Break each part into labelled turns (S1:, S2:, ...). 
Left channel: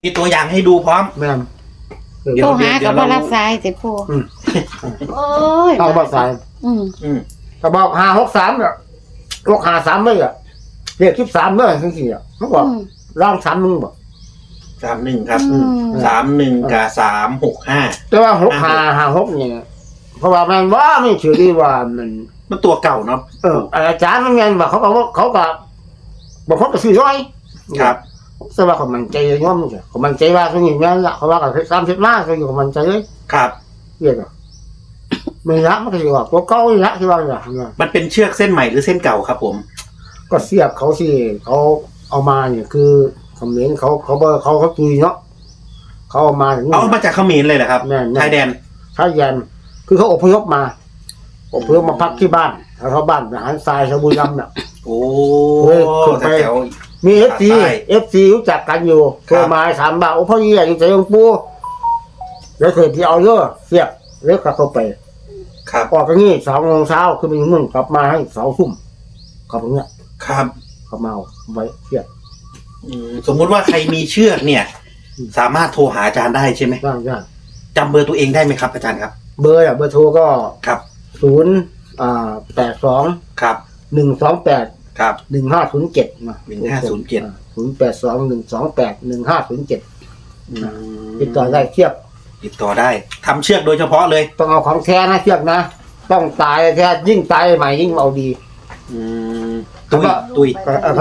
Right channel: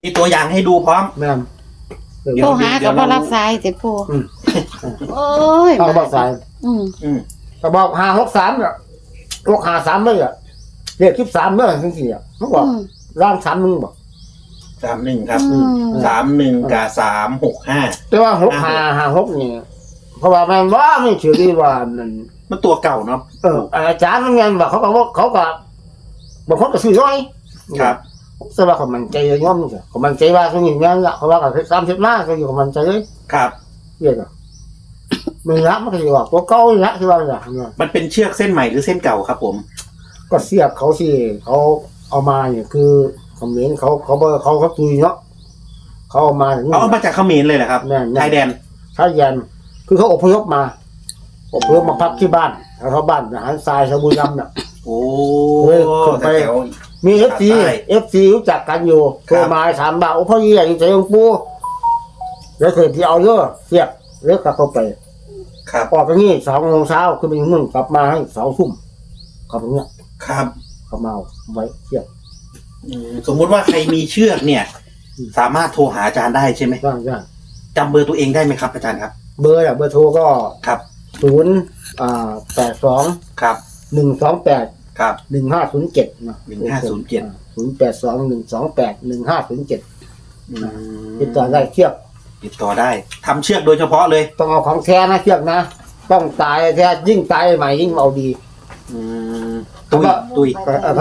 S1: มีตัวอย่างให้ดูพร้อม
S2: แม่น
S3: โทรหากับบ่รับสายแต่ผู้โอ้ย
S2: เขาบอกสาย ก็บอก563เนี่ย653เลยอ่ะเลข13เลยทั้งสี่อ่ะเขาบอกร่าง31บอก
S1: 31ครับ31กับ365
S2: แต่ว่า6556นี่เพราะว่ามันว่าไม่เชื่อดีว่า
S1: มันตัวเก่าเนาะ
S2: อาจารย์มันไงว่าเขาก็บอกเขาก็ซื้อน้อย
S1: ครับ
S2: สำหรับคนมันใจย่อมนี่คนมันใจว่าส่วนนี้งั้นละเขาว่ากับ30ล้านส่วนนี้คนมันใจเลย
S1: ครับ
S2: เรียกมันละมันก็สิว่าตัวเก่าละที่ว่าอย่าง
S1: มันเป็นเชือกเส้นใหม่หรือเส้นเก่าครับผม
S2: ก็เสียบเขาสิเขาเอามาเนี่ยคือคอมเมนต์เขาตุยเนาะเขาเอามาถึง
S1: เอามาจากเขมรเลยเหรอครับชายแดนคือเขาอพยพมาพักที่บ้านเขาบ้านอาหารทรายชาวบุรีรัมย์น่ะโอ้
S2: ไปมี FC รู้จักกันอยู่โทรมาถามว่าโอ้พ่อยี่อยู่ใจหลวงปู่แล้วเคยที่เอาเยอะเสียบแล้วก็เข้าไป
S1: ครับ
S2: ออกกันนี่2 โมงเช้าขึ้นไปมึงกลับมาให้2 ทุ่มเขาตรงเนี้ย
S1: ครับ
S2: เขาเมาไว้เสียบ
S1: สมมุติว่าใครมีเชือกเนี่ยสามารถโทรหาอาจารย์ได้ใช่ไหม
S2: ได้
S1: จำเบอร์ตัวเองได้ไหมครับอาจารย์ครับ
S2: เบอร์โทรก็
S1: ครับ
S2: 082
S1: ครับ
S2: 128
S1: ครับ
S2: 1507นะ082-128-1507ติดต่อได้เชือก
S1: ติดต่อได้ทำเชือกโดยเฉพาะเลย
S2: ต้องเอาของแท้นะเชือกนะต้องตายแท้ยิ่งตายใหม่ยิ่งเอาดี
S1: ตุย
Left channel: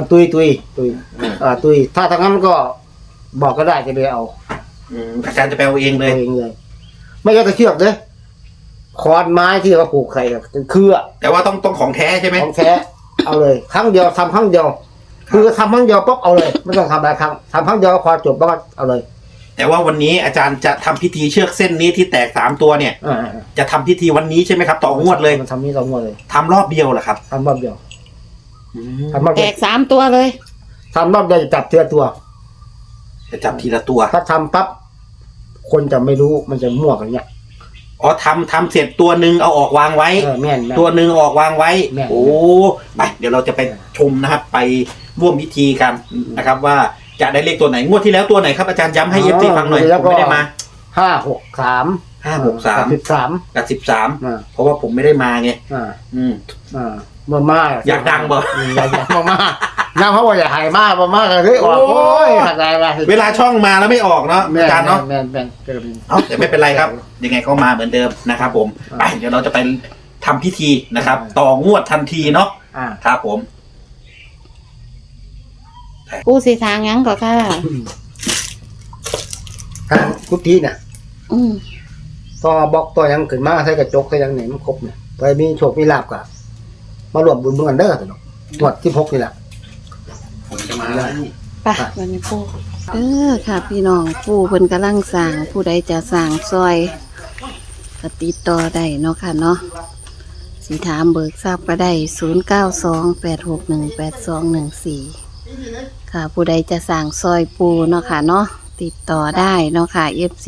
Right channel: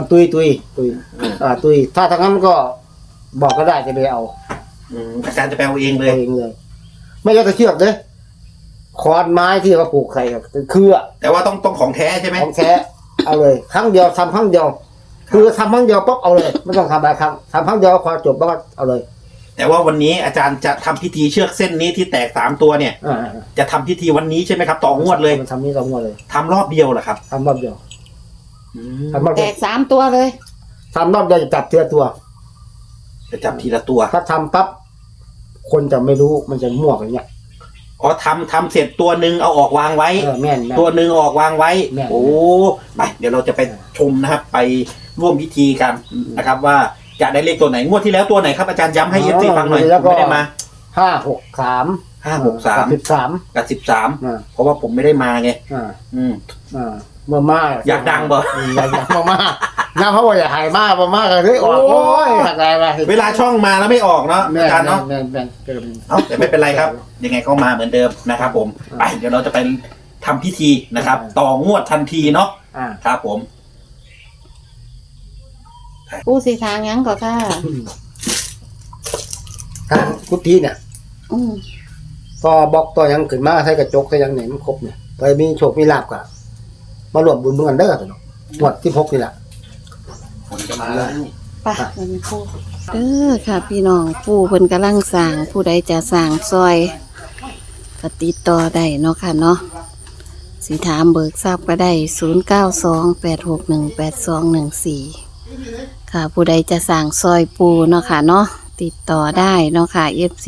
S2: ถ้าทางนั้นก็บอกก็ได้จะไปเอา
S1: อาจารย์จะไปเอาเองเลย
S2: ไม่ใช่เชือกเลยคอนไม้ที่เขาปลูกใส่คือ
S1: แต่ว่าต้องของแท้ใช่ไหม
S2: ของแท้เอาเลยครั้งเดียวทำครั้งเดียวคือทำครั้งเดียวปุ๊บเอาเลยไม่ต้องทำหลายครั้งทำครั้งเดียวพอจบแล้วก็เอาเลย
S1: แต่ว่าวันนี้อาจารย์จะทำพิธีเชือกเส้นนี้ที่แตก3 ตัวเนี่ยจะทำพิธีวันนี้ใช่ไหมครับต่องวดเลย
S2: ทำนี้ต่องวดเลย
S1: ทำรอบเดียวเหรอครับ
S2: ทำรอบเดียว
S3: แตก3 ตัวเลย
S2: ทำรอบเดียวจะจับทีละตัวถ้าทำปั๊บคนจะไม่รู้มันจะมั่วกันเนี่ย
S1: อ๋อทำเสร็จตัวหนึ่งเอาออกวางไว้ตัวหนึ่งออกวางไว้โอ้ไปเดี๋ยวเราจะไปชมนะครับไปร่วมพิธีกันนะครับว่าจะได้เลขตัวไหนงวดที่แล้วตัวไหนครับอาจารย์ย้ำให้FCฟังหน่อยผมไม่ได้มา
S2: 563
S1: กับ13เพราะว่าผมไม่ได้มาไง
S2: มา
S1: อยากดังบ่
S2: อยากมาน้าเพราะว่าอยากหายมากมาก็เลยออกโอ้ยขัดใจไป
S1: เวลาช่องมาแล้วไม่ออกเนาะอาจารย์เนาะแต่ไม่เป็นไรครับยังไงก็มาเหมือนเดิมนะครับผมไปเดี๋ยวเราจะไปทำพิธีนะครับต่องวดทันทีเนาะครับผม
S3: กูสิทางยังก็ค่ะ
S2: ทางกุฏิเนี่ยต่อบอกต่อยังขึ้นมาใส่กระจกใส่ยังไหนมันครบเนี่ยไปมีโชคมีลาภกะมารวมบุญเมืองเด้อเนาะงวด16นี่แหละ
S1: จะมาแล้ว
S3: ไปวันนี้ปู่ค่ะพี่น้องปู่เพิ่นกำลังสร้างผู้ใดจะสร้างซอยก็ติดต่อได้เนาะค่ะเนาะสิถามเบิกทราบก็ได้0928618214ค่ะผู้ใดจะสร้างซอยปู่เนาะค่ะเนาะติดต่อได้เนาะค่ะ FC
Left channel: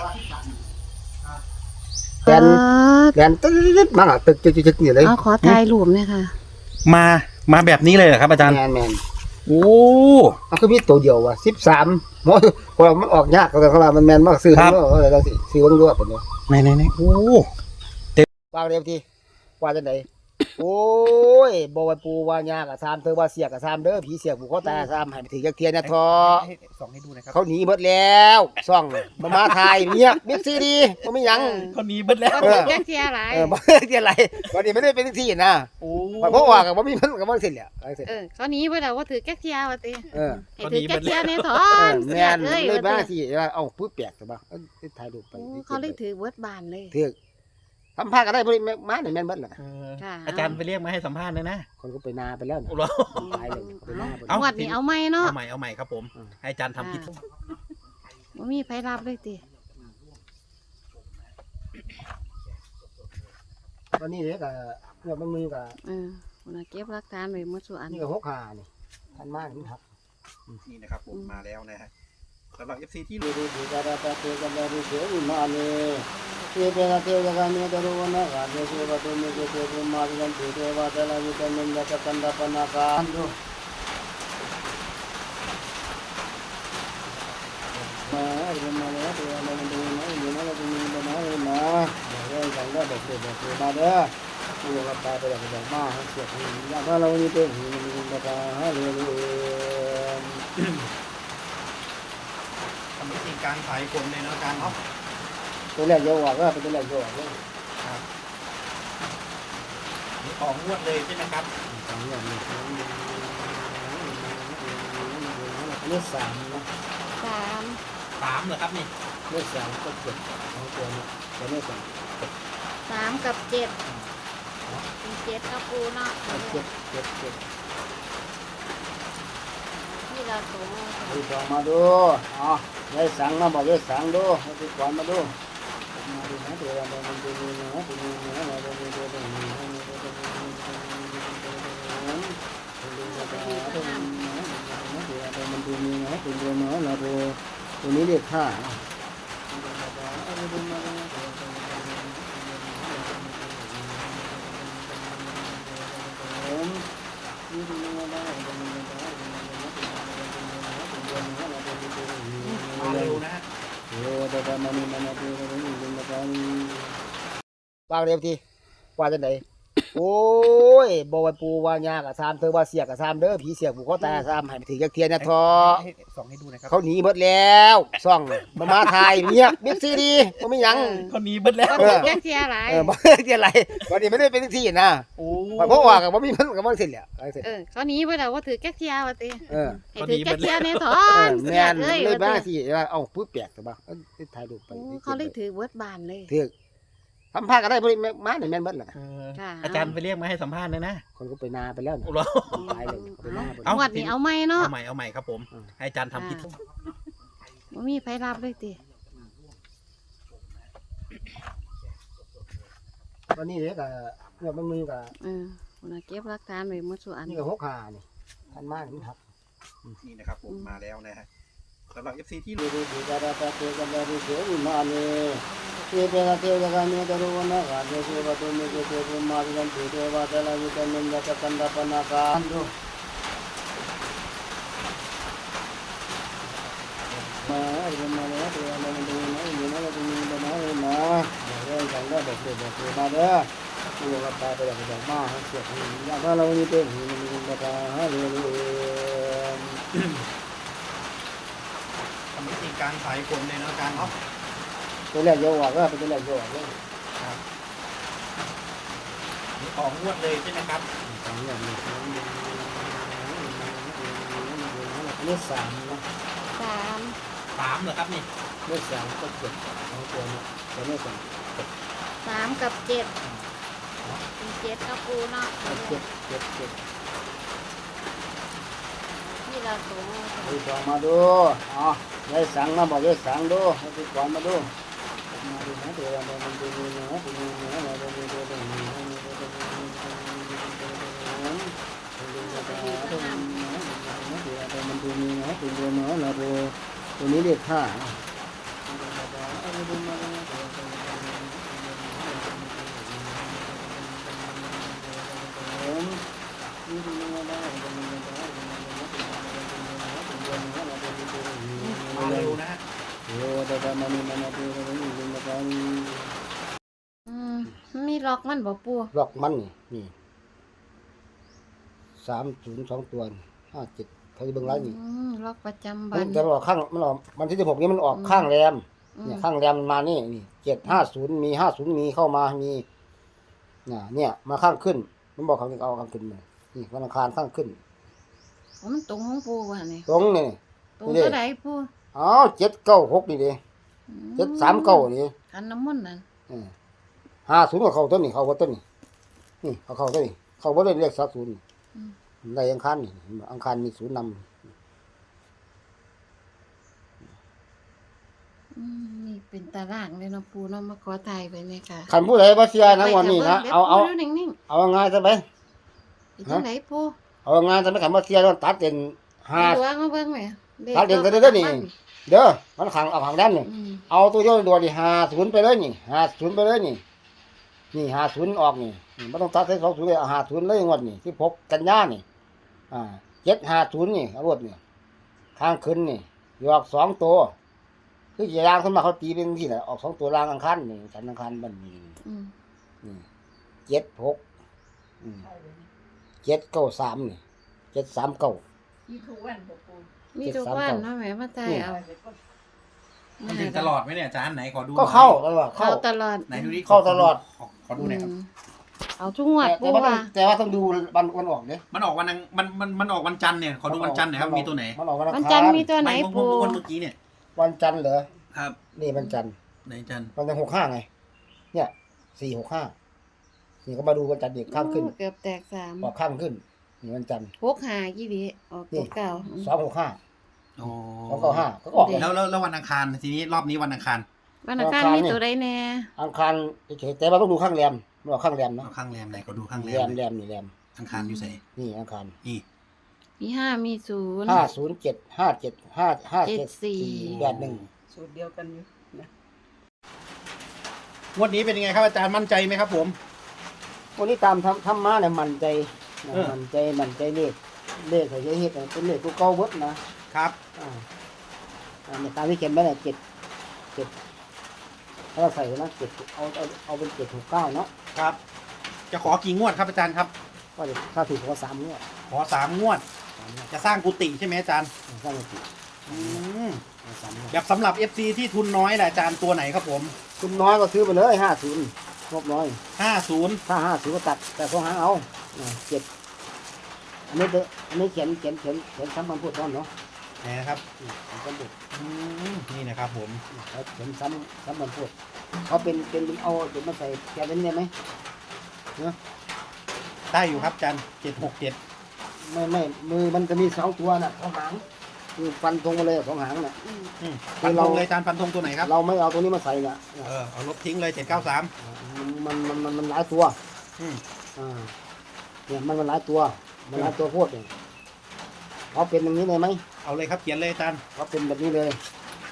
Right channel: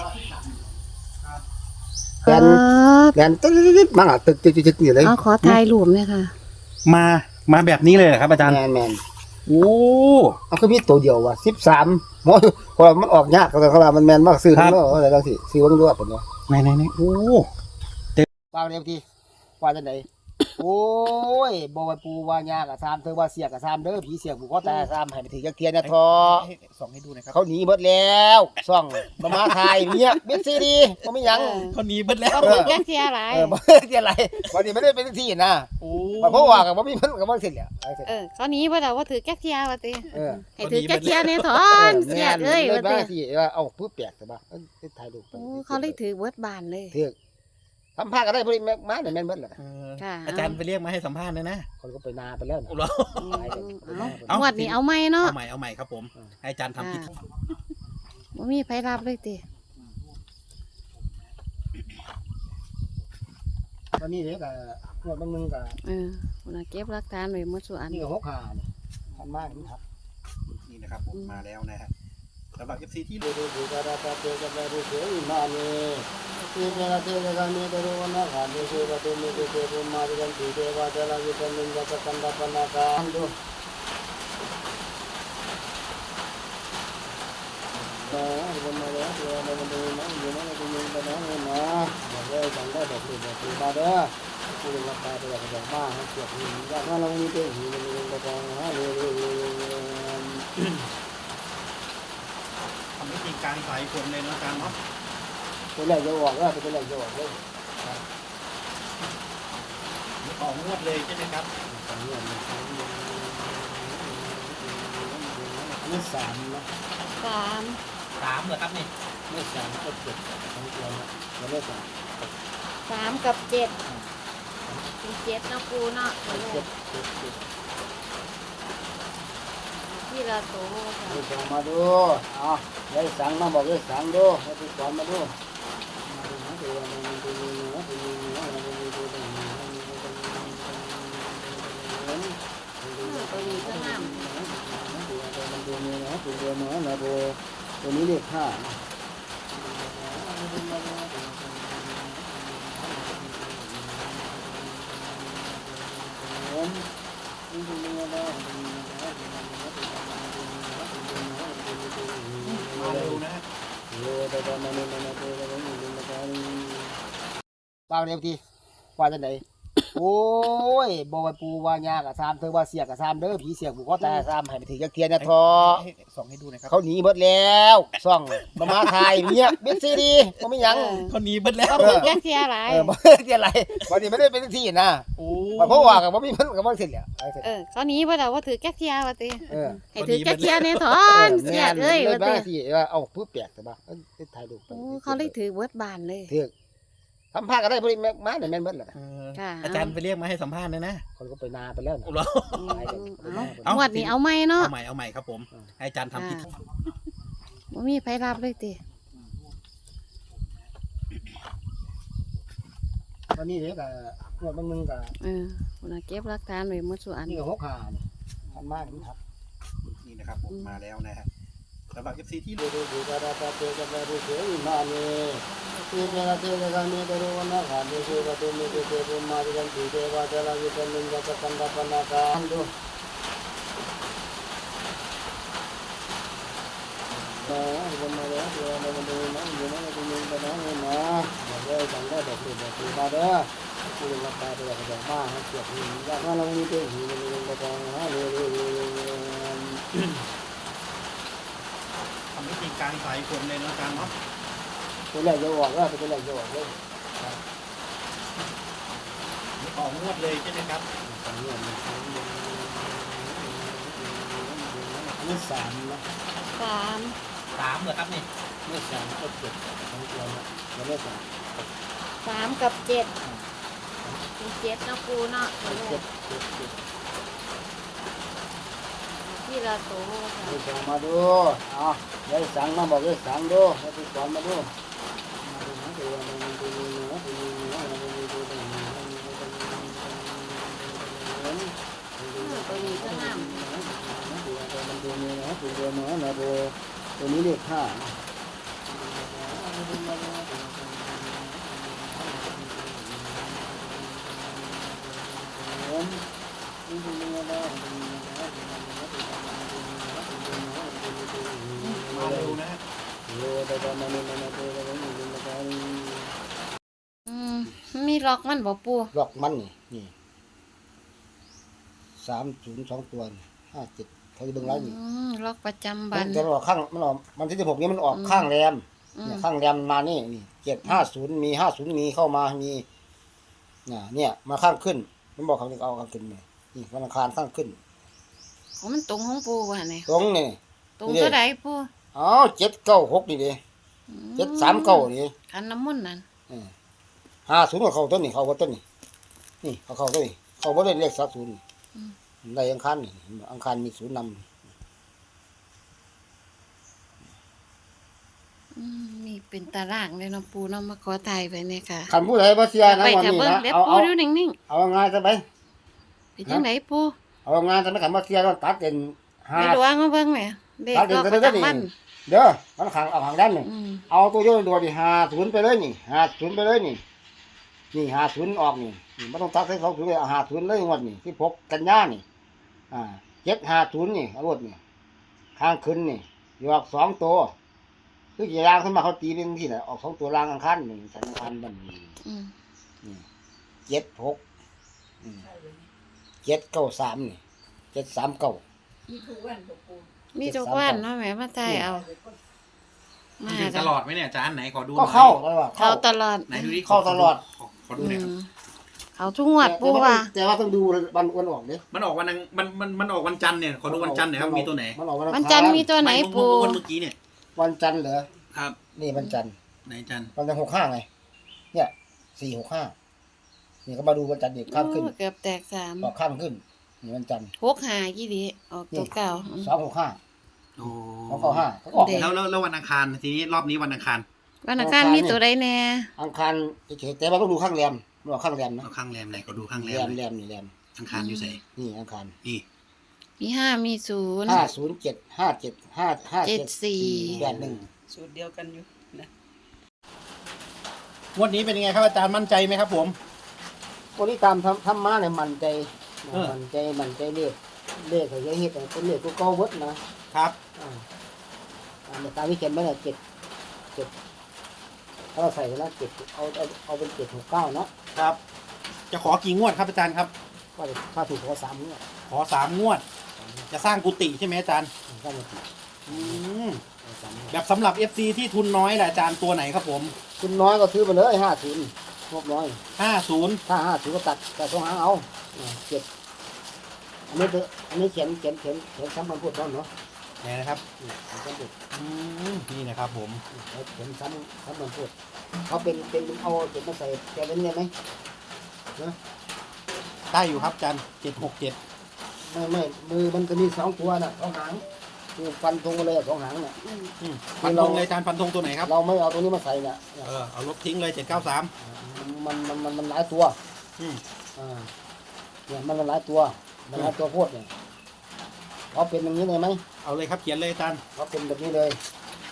S2: แกนตึ๊ดๆมาตึกๆๆนี่เลย
S3: ขอถ่ายรูปเลยค่ะ
S1: มาแบบนี้เลยเหรอครับอาจารย์
S2: แมน
S1: โอ้
S2: มันก็มีตัวเดียวว่ะ13เพราะมันออกยากก็เขาว่ามันแม่นมากซื้อเนาะอะไรจังซี่ซื้อบ่รู้ว่าเป็นเนาะ
S1: ไหนโอ้
S2: วางเร็วทีว่าจังได๋โอ้ยบ่ว่าปูว่ายากก็3เธอว่าเสียก็3เด้อผีเสียผูกคอตาย3ให้ไปถึงจักเทียนนะทอ
S1: ส่องให้ดูหน่อยครับ
S2: เขาหนีหมดแล้วซ่องบ่มาถ่ายเงียบบิ๊กซีดีบ่มีหยัง
S1: เขาหนีหมดแล้ว
S3: จักเทียอะไร
S2: บ่เทียอะไรวันนี้ไม่ได้เป็นที่นะโอ้เพราะว่าก็บ่มีมันก็บ่เสร็จแล้ว
S3: เขาหนีบ่แล้วว่าถือจักเทียว่าติให้ถือจักเทียนี่ถอน
S2: เสียเลยบ้าที่เอาปึ๊บแปลกซะบ่ถ่ายรูปไป
S3: เขาเลยถือเบิดบานเลย
S2: ถือสัมภาษณ์ก็ได้บ่มาเนี่ยแม่นเบิดแหละ
S1: อาจารย์ไปเรียกมาให้สัมภาษณ์นะ
S2: คนก็ไปนาไปแล้ว
S3: เอาวัดนี้เอาใหม่เนาะ
S1: เอาใหม่ครับผมให้อาจารย์ทำพิธี
S3: บ่มีไผรับเลยติ
S2: วันนี้เด้ก็งวดบางนึงก็
S3: น่ะเก็บหลักฐานไว้หมดซุอัน
S2: นี่65นี่ท่านมานี่ครับ
S1: นี่นะครับผมมาแล้วนะฮะสำหรับ FC ที่
S2: ดูๆๆๆๆๆมานี่เทวะเทวะมีดรุวนะเดชะวะตุมิเตเตมาริกันเทวะตะลาวิตมินยะกันดะปนะกันดูเด็กๆคือมาเด้อผู้เรียนรับตาไปแบบแบบมาให้เกียรติถ้าเรามีตัวหูมันมีกระตาเรียน
S1: ทำให้จริงกลางสายฝนเลยเนาะอาจารย์เนาะ
S2: ตัวแรกเยอะกว่าก็เป็นตัวแรกเยอะกว่าเลย
S1: ต่องวดเลยใช่ไหมครับ
S2: สองอย่างนี้เลือดสามนะ
S3: สาม
S1: 3เหรอครับนี่
S2: เลือดสามก็เจ็ดสองตัวนะแล้วเลือดสาม
S3: สามกับเจ็ดมีเจ็ดนะปูเนาะ
S2: เจ็ด
S3: ที่เราโต
S2: ดูสองมาดูอ๋อได้สั่งมาบอกได้สั่งดูให้ดูสองมาดูมาดูนะตัวมันดูนะตัวนี้นะมันดูตัวนี้มันดูนี่นะตัวเดียวนะนะตัวนี้เลขห้า
S1: เร็วนะฮะ
S2: ป้าเรียกทีว่าจะไหนโอ้ยบอกว่าปูว่ายากอะซามเธอว่าเสียกอะซามเด้อผีเสียกบุกเขาตาซามให้ไปถือจักเทียนนะทอ
S1: ให้ส่องให้ดูหนะครับ
S2: เขาหนีหมดแล้วซ่องมันมาถ่ายเงียบบิ๊กซีดีก็ไม่ยัง
S1: คนนี้เบิดแล้ว
S3: ก็ถือแค่เสียหลาย
S2: บ่เทียนอะไรวันนี้ไม่ได้เป็นที่นะ
S1: โอ้
S2: เพราะว่ากับว่ามีมันกับว่าเสร็จแล้ว
S3: เขาหนีเพราะว่าถือแค่เสียว่าติ
S2: เออ
S3: ให้ถือแค่เสียในถอนเสี
S2: แม่
S3: ย
S2: น
S3: เลย
S2: เลยบ้า
S3: ว่าติ
S2: ที่เอาพูดแปลกตัวบ้าถ่ายรูปไป
S3: เขาเลยถือเวิร์ดบานเลย
S2: ถือทำผ้าก็ได้บริมาเนี่ยแม่นเบิดแหละ
S1: อาจารย์ไปเรียกมาให้สัมภาษณ์เลยนะ
S2: คนก็ไปนาไปแล้ว
S1: โอ้โห
S3: งวดนี้เอาไหมเนาะ
S1: เอาใหม่ครับผม ให้อาจารย์ทำพิธี
S3: บ่มีไผรับเลยติ
S2: วันนี้เนี่ยก็งวดมึงก็
S3: คุณเก็บหลักฐานไว้หมดส่วน
S2: นี่ก็6 5นี่ทันมากมันทับ
S1: นี่นะครับผมมาแล้วนะฮะสำหรับ FC ที่
S2: ดูดูกระดาษเตกันดูดูมาเนี่ยเตกันเตกันมีกระดูกนะดูดูว่าดูมีดูดูมาดูกันดูดูว่าแต่ละวิตามินจะกันดับนาการดูมาแล้วมาดูนะอยู่นะดูมีกันนะนะเดี๋ยวจังว่าเด็กๆมาเด้อผู้เรียนรับตาไปแบบแบบมาให้เกียรติถ้าเรามีตัวหูมันมีกระตาเรียน
S1: ทำให้จริงกลางสายฝนเลยเนาะอาจารย์เนาะ
S2: ตัวแรกเยอะกว่าก็เป็นตัวแรกเยอะกว่าเลย
S1: ต่องวดเลยใช่ไหมครับ
S2: สองอย่างนี้เลือดสามนะ
S3: สาม
S1: 3เหรอครับนี่
S2: เลือดสามก็เจ็ดสองตัวนะแต่เลือดสาม
S3: สามกับเจ็ดมีเจ็ดนะปูเนาะ
S2: เจ็ด
S3: ที่เราโต
S2: ดูสองมาดูอ๋อได้สั่งมาบอกได้สั่งดูให้ดูสองมาดูมาดูนะตัวมันดูดูนะดูดูนะมันดูดูดูมันดูมีนะดูดูนะนะตัวนี้เลขห้า
S1: มาเร็วนะฮะ
S3: มีล็อกมันบ่ปู
S2: ล็อกมันนี่302ตัว57เขาจะเบิ่งไลน์นี่
S3: ล็อกประจำ
S2: มั
S3: วัน
S2: นจะออกข้างมันออกมันที่16นี้มันออกข้างแรมเนี่ยข้างแรมมานี่750มี50มีเข้ามามีเนี่ยมาข้างขึ้นมันบอกเขาจะเอาข้างขึ้นนี่วันอังคารข้างขึ้น
S3: มันตรงของปูว่ะนี่
S2: ตรงนี่
S3: ตรงเท่าใดปู
S2: อ๋อ796นี่ดิ739นี่
S3: ขันน้ำมนต์นั่น
S2: 50ก็เข้าต้นนี่เข้าบ่ต้นนี่เข้าต้นนี่เข้าบ่ได้เลข30ได้อังคารนี่อังคารมี0นำ
S3: มีเป็นตารางเลยเนาะปูเนาะมาขอถ่ายไปเนี่ยค่ะ
S2: คันผู้ใดบ่เชื่อนะวันนี้นะ
S3: เดี๋ยว
S2: เอา
S3: ปูอยู่นิ่ง
S2: เอาง่ายซะไป
S3: ๆเป็นจังไดปู
S2: เอาง่ายซะไปคันบ่เชื่อต้องตัดเป็น
S3: มีหลวงมาเบิ่งแหม่เด็ก
S2: ตัดเป็นกันได้นี่เด้อมันขังเอาขังด้านนี่เอาตัวโยนตัวนี่50ไปเลยนี่50ไปเลยนี่50ออกนี่บ่ต้องตัดให้เขาถือเอา50เลยงวดนี่16กันยานี่750นี่เอาหมดนี่ทางขึ้นนี่ยออก2ตัวคืออย่างขึ้นมาเขาตีเป็นที่น่ะออก2ตัวล่างอังคารนี่สันอังคารบัดนี้ 76793นี่739
S3: มีทุกวันเนาะแหมมาใจเอามา
S1: ถึงตลอดไหมเนี่ยอาจารย์ไหนขอดู
S2: ก็เข้าตลอด
S3: เข้าตลอด
S1: ไหนดูดิ
S2: เข้าตลอด
S1: ขอดูหน่อยครับ
S3: เอาทุกงวดปูว่า
S2: แต่ว่าต้องดูวันออกเด้
S1: มันออกวันนึงมันออกวันจันทร์เนี่ยขอดูวันจันทร์หน่อยครับมีตัวไหน
S2: มันออก
S3: วันจันทร์มีตัวไหนปู
S1: วันเมื่อกี้เนี่ย
S2: วันจันทร์เหรอ
S1: ครับ
S2: นี่วันจันทร์
S1: ไหนจันทร์
S2: วันจันทร์65ไงเนี่ย465นี่ก็มาดูวันจันทร์เด็กข้ามขึ้น
S3: โอ้เกือบแตกสาม
S2: ออกข้ามขึ้นนี่วันจันทร์
S3: 6 5กี่ดีออกตัวเก่า
S2: 265
S1: อ๋อ
S2: 295ก็ออก
S3: เด็ก
S1: แล้ววันอังคารทีนี้รอบนี้วันอังคาร
S3: วันอังคารมีตัวใดแน่
S2: อังคารเฉยๆแต่ว่าต้องดูข้างแรมมันออกข้างแรมนะ
S1: เอาข้างแรมไหนขอดูข้างแร
S2: แร
S1: ม
S2: ม
S1: หน่อย
S2: แรมนี่แรม
S1: อังคารอยู่ไหน
S2: นี่อังคาร
S1: นี่
S3: มี5มี0
S2: 507 57 557 81
S4: สูตรเดียวกันอยู่นะ
S1: งวดนี้เป็นยังไงครับอาจารย์มั่นใจไหมครับผม
S2: วันนี้ตามทำมาเนี่ยมันใจ
S1: เออ
S2: มันใจเลขเขาจะเฮ็ดเป็นเลขตัวเก่าเบิดนะครับ ในตามที่เขียนไว้เนี่ย7ถ้าเราใส่ไว้นะ7เอาเป็น769เนาะ
S1: ครับ จะขอกี่งวดครับอาจารย์ครับ
S2: ก็เลยถ้าถูกก็3เนี่ย
S1: ขอ3 งวด จะสร้างกุฏิใช่ไหมอาจารย์
S2: ถ้าไม่ถูก
S1: อืม
S2: 3เนี่ย
S1: แบบสำหรับ FC ที่ทุนน้อยแหละอาจารย์ตัวไหนครับผม
S2: คุณน้อยก็ซื้อไปเลย50งบน้อย
S1: 50
S2: ถ้า50ก็ตัดแต่สองหางเอา7อันนี้เขียนซ้ำมันพูดซ้ำเนาะ
S1: นะครับ
S2: ซ้ำพูด
S1: อืมนี่นะครับผม
S2: เขียนซ้ำมันพูดเขาเป็นเอาเก็บมาใส่แกเล่นเนี่ยไหม
S1: ได้อยู่ครับอาจารย์767
S2: ไม่มือมันจะมี2ตัวน่ะ2หางคือฟันธงไปเลย2หางน่ะ
S1: ฟันธงเลยอาจารย์ฟันธงตัวไหนครับ
S2: เราไม่เอาตัวนี้มาใส่น่ะ
S1: เอาลบทิ้งเลย793
S2: มันหลายตัว
S1: อืม
S2: เนี่ยมันหลายตัวมันหลายตัวโพดเนี่ยเขาเป็นอย่างนี้เลยไหม
S1: เอาเลยครับเขียนเลยอาจารย์
S2: เขาเป็นแบบนี้เลย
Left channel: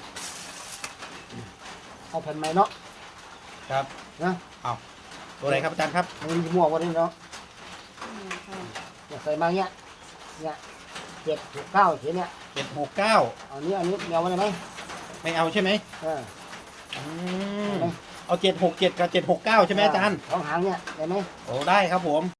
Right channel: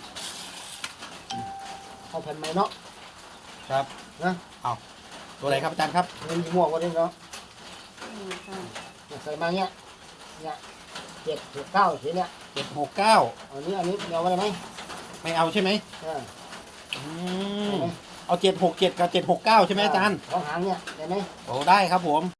S2: เอาแผ่นไม้เนาะ
S1: ครับ
S2: นะ
S1: เอาตัวไหนครับอาจารย์ครับ
S2: มันมีม่วงกว่านี้เนาะใส่มาเงี้ย769เสียเนี่ย
S1: 769
S2: อันนี้เอาไว้ไหม
S1: ไม่เอาใช่ไหม
S2: เออ
S1: อืมเอา767กับ769ใช่ไหมอาจารย์
S2: 2หางเนี่ยเห็นไหม
S1: โอ้ได้ครับผม